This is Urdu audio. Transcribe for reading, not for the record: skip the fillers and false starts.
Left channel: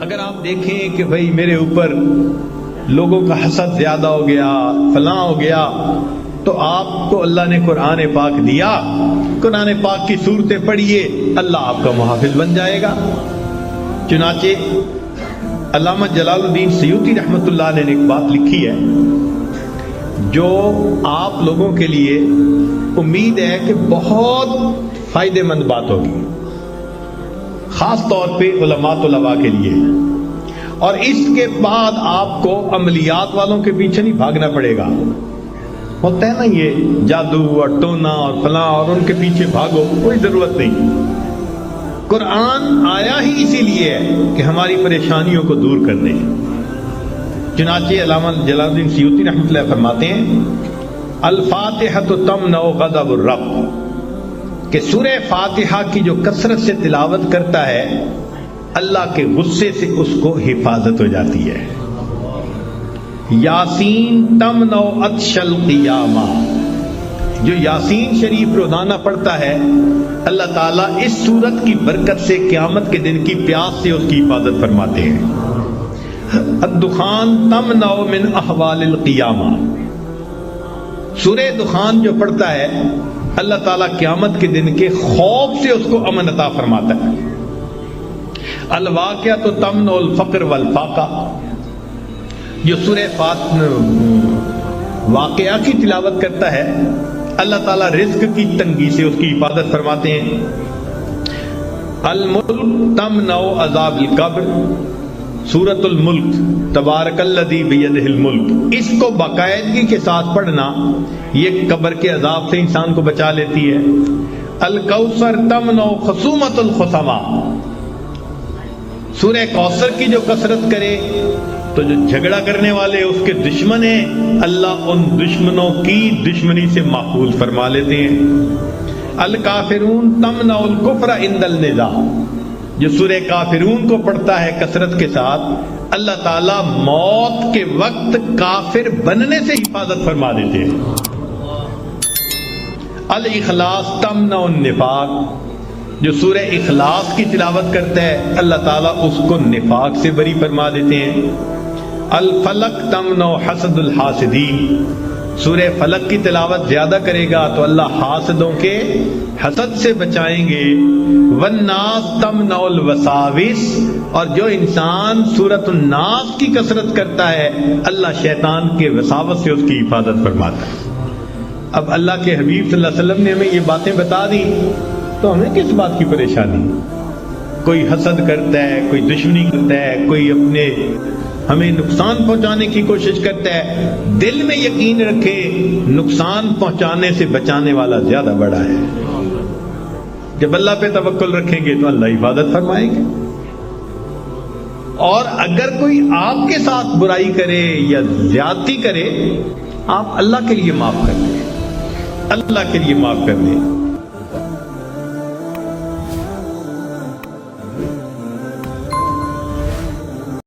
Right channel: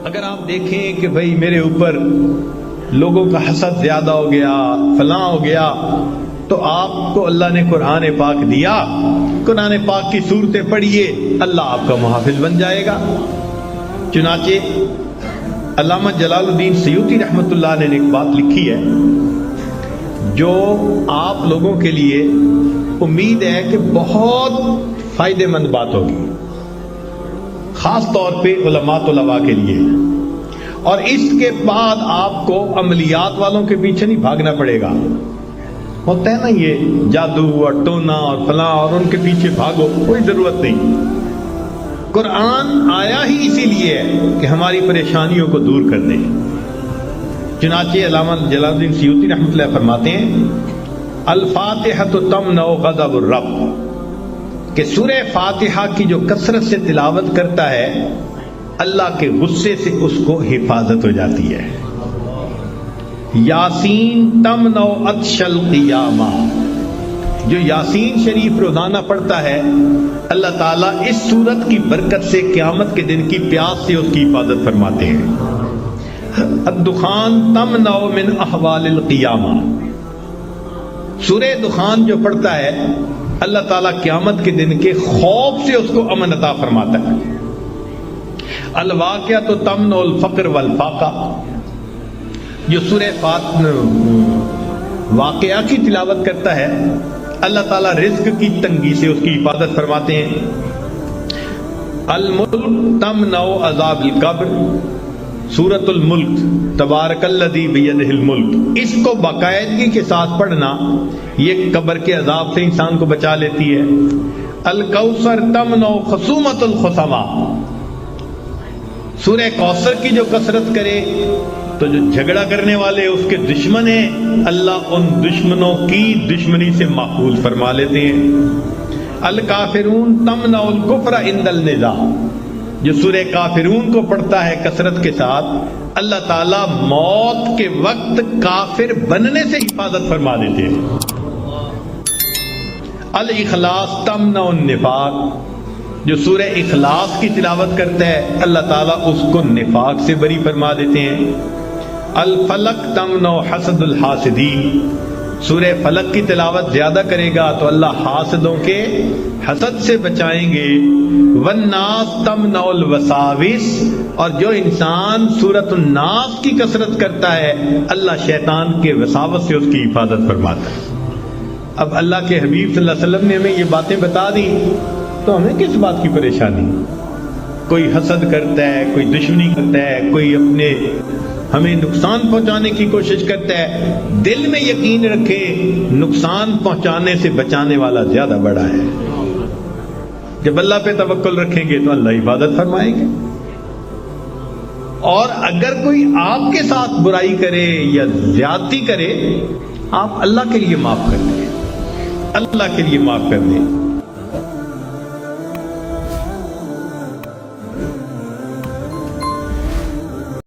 اگر آپ دیکھیں کہ بھائی میرے اوپر لوگوں کا حسد زیادہ ہو گیا، فلاں ہو گیا، تو آپ کو اللہ نے قرآن پاک دیا، قرآن پاک کی صورتیں پڑھیے، اللہ آپ کا محافظ بن جائے گا۔ چنانچہ علامہ جلال الدین سیوطی رحمۃ اللہ علیہ نے ایک بات لکھی ہے جو آپ لوگوں کے لیے امید ہے کہ بہت فائدے مند بات ہوگی، خاص طور پہ علماء کے لیے، اور اس کے بعد آپ کو عملیات والوں کے پیچھے نہیں بھاگنا پڑے گا۔ ہوتا ہے نا یہ جادو اور ٹونا اور فلاں اور ان کے پیچھے بھاگو، کوئی ضرورت نہیں۔ قرآن آیا ہی اسی لیے ہے کہ ہماری پریشانیوں کو دور کر دیں۔ چنانچہ علامہ جلال الدین سیوطی رحمۃ اللہ فرماتے ہیں الفاتحہ تمنع غضب الرب، کہ سورہ فاتحہ کی جو کثرت سے تلاوت کرتا ہے اللہ کے غصے سے اس کو حفاظت ہو جاتی ہے۔ یاسین تمنع عطش القیامہ، جو یاسین شریف روزانہ پڑھتا ہے اللہ تعالیٰ اس سورت کی برکت سے قیامت کے دن کی پیاس سے اس کی حفاظت فرماتے ہیں۔ الدخان تمنع من احوال القیامہ، سورہ دخان جو پڑھتا ہے اللہ تعالیٰ قیامت کے دن کے خوف سے اس کو امن عطا فرماتا ہے۔ الواقعۃ تمنع الفقر والفاقہ، جو سورہ واقعہ کی تلاوت کرتا ہے اللہ تعالیٰ رزق کی تنگی سے اس کی حفاظت فرماتے ہیں۔ الملک تمنع عذاب القبر، سورۃ الملک تبارک الذی بیدہ الملک، اس کو باقاعدگی کے ساتھ پڑھنا یہ قبر کے عذاب سے انسان کو بچا لیتی ہے۔ الکوثر تمنع خصومۃ الخصما، سورہ کوثر کی جو کثرت کرے تو جو جھگڑا کرنے والے اس کے دشمن ہیں اللہ ان دشمنوں کی دشمنی سے محفوظ فرما لیتے ہیں۔ الکافرون تمنع الکفر عند النداء، جو سورہ کافرون کو پڑھتا ہے کثرت کے ساتھ اللہ تعالیٰ موت کے وقت کافر بننے سے حفاظت فرما دیتے ہیں۔ الاخلاص تمنع النفاق، جو سورہ اخلاص کی تلاوت کرتا ہے اللہ تعالیٰ اس کو نفاق سے بری فرما دیتے ہیں۔ الفلق تمنع حسد الحاسدین، سورہ فلق کی تلاوت زیادہ کرے گا تو اللہ حاسدوں کے حسد سے بچائیں گے۔ والناس تمنع الوساوس، اور جو انسان سورۃ الناس کی کثرت کرتا ہے اللہ شیطان کے وساوس سے اس کی حفاظت فرماتا ہے۔ اب اللہ کے حبیب صلی اللہ علیہ وسلم نے ہمیں یہ باتیں بتا دی تو ہمیں کس بات کی پریشانی؟ کوئی حسد کرتا ہے، کوئی دشمنی کرتا ہے، کوئی اپنے ہمیں نقصان پہنچانے کی کوشش کرتا ہے، دل میں یقین رکھے نقصان پہنچانے سے بچانے والا زیادہ بڑا ہے۔ جب اللہ پہ توکل رکھیں گے تو اللہ حفاظت فرمائیں گے، اور اگر کوئی آپ کے ساتھ برائی کرے یا زیادتی کرے آپ اللہ کے لیے معاف کر دیں، اللہ کے لیے معاف کر دیں۔